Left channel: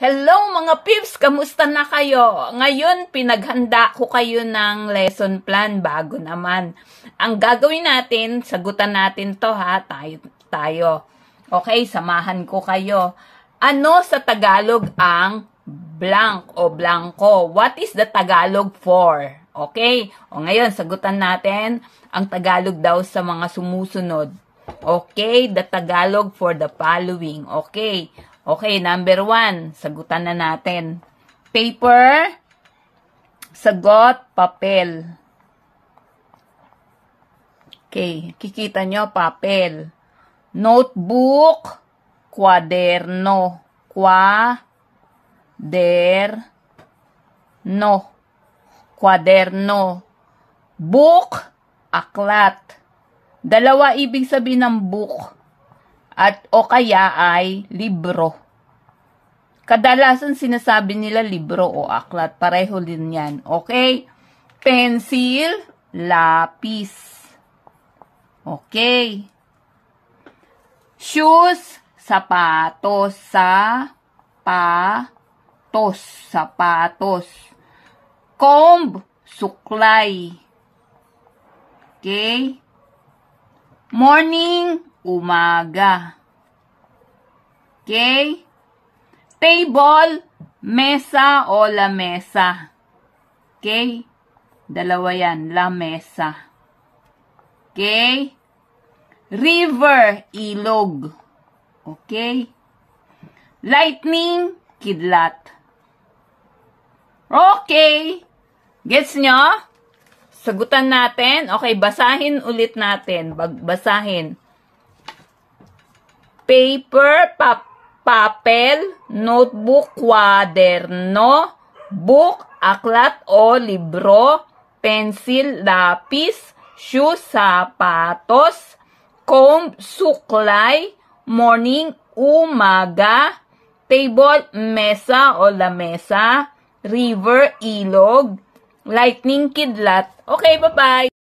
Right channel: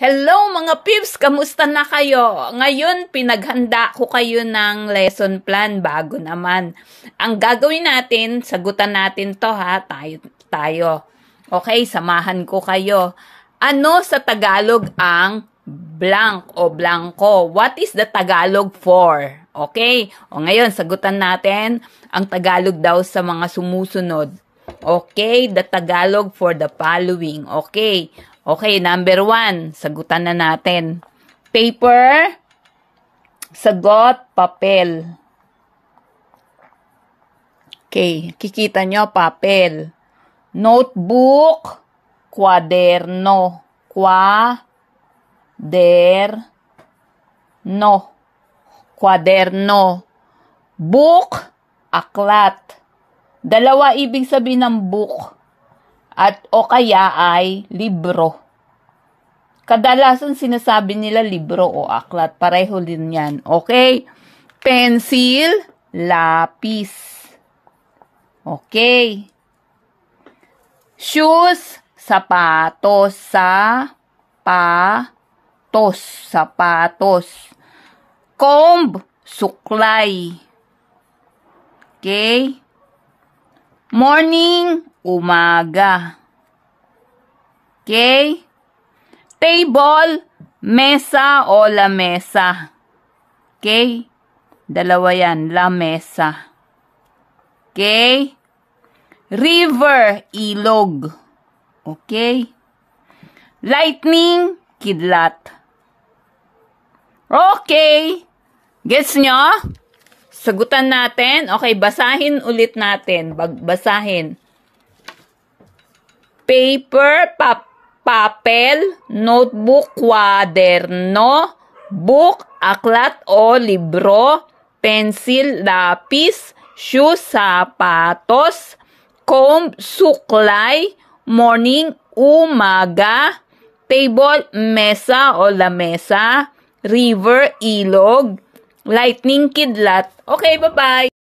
Hello mga pips! Kamusta na kayo? Ngayon, pinaghanda ko kayo ng lesson plan bago naman. Ang gagawin natin, sagutan natin to ha, tayo. Okay, samahan ko kayo. Ano sa Tagalog ang blank o blanco? What is the Tagalog for? Okay, o ngayon, sagutan natin ang Tagalog daw sa mga sumusunod. Okay, the Tagalog for the following. Okay, number 1, sagutan na natin. Paper, sagot, papel. Okay, kikita nyo, papel. Notebook, kwaderno. Kwaderno. Book, aklat. Dalawa ibig sabihin ng book. O kaya ay libro. Kadalasan sinasabi nila libro o aklat. Pareho din yan. Okay? Pencil, lapis. Okay. Shoes, sapatos. Sapatos. Comb, suklay. Okay? Morning, umaga. Okay? Table, mesa o lamesa. Okay? Dalawa yan, lamesa. Okay? River, ilog. Okay? Lightning, kidlat. Okay? Gets nyo? Sagutan natin. Okay, basahin ulit natin. Basahin. Paper, papel, notebook, kwaderno, book, aklat o libro, pencil, lapis, shoes, sapatos, comb, suklay, morning, umaga, table, mesa o lamesa, river, ilog, lightning, kidlat. Okay, bye-bye!